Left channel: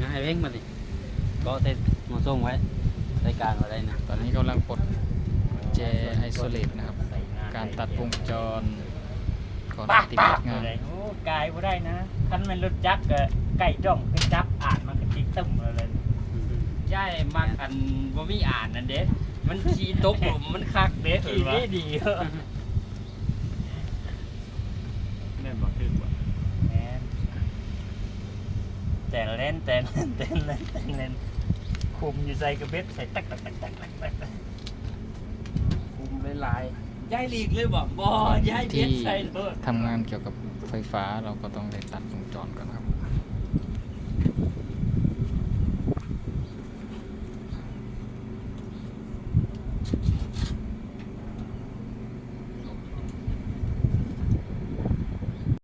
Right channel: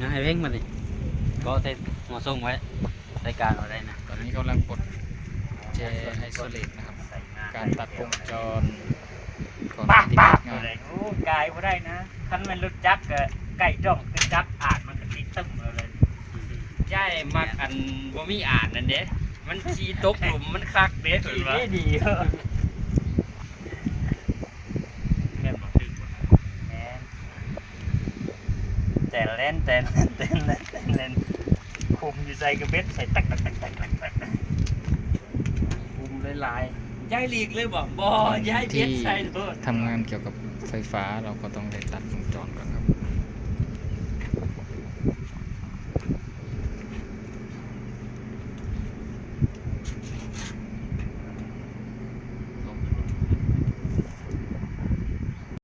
นะไอ้เพ่งมาดิก็ใส่หมอส่งไว้ใส่กลางอะไรนะตอนนี้กำลังปลดแจไอโซเลตนะครับใส่งนการตัดวงจรก่อนปากติดปากงานอะไรโอ้กายบ่ได้นะคันมันรถจักรก็ไก่จ้องคือจับอาดมันก็ติดตึ้มเลยย่ายมักอันบ่มีอ่านนั่นเด้มันขี่ตกหลุมมันคักเด้ขี่ดีดีเออ แต่เล่นแต่เล่นแต่เล่นแต่เล่นคุมอยู่ใส่กระเบ็ดใส่ตักตักตักตักตักตักคุมหลายๆย้ายหลีกเลยบอกบอย้ายเบ็ดใส่เลยทำงานเกี่ยวกับไฟฟ้าเราก็ต้องได้ตัดวงจรก่อนครับ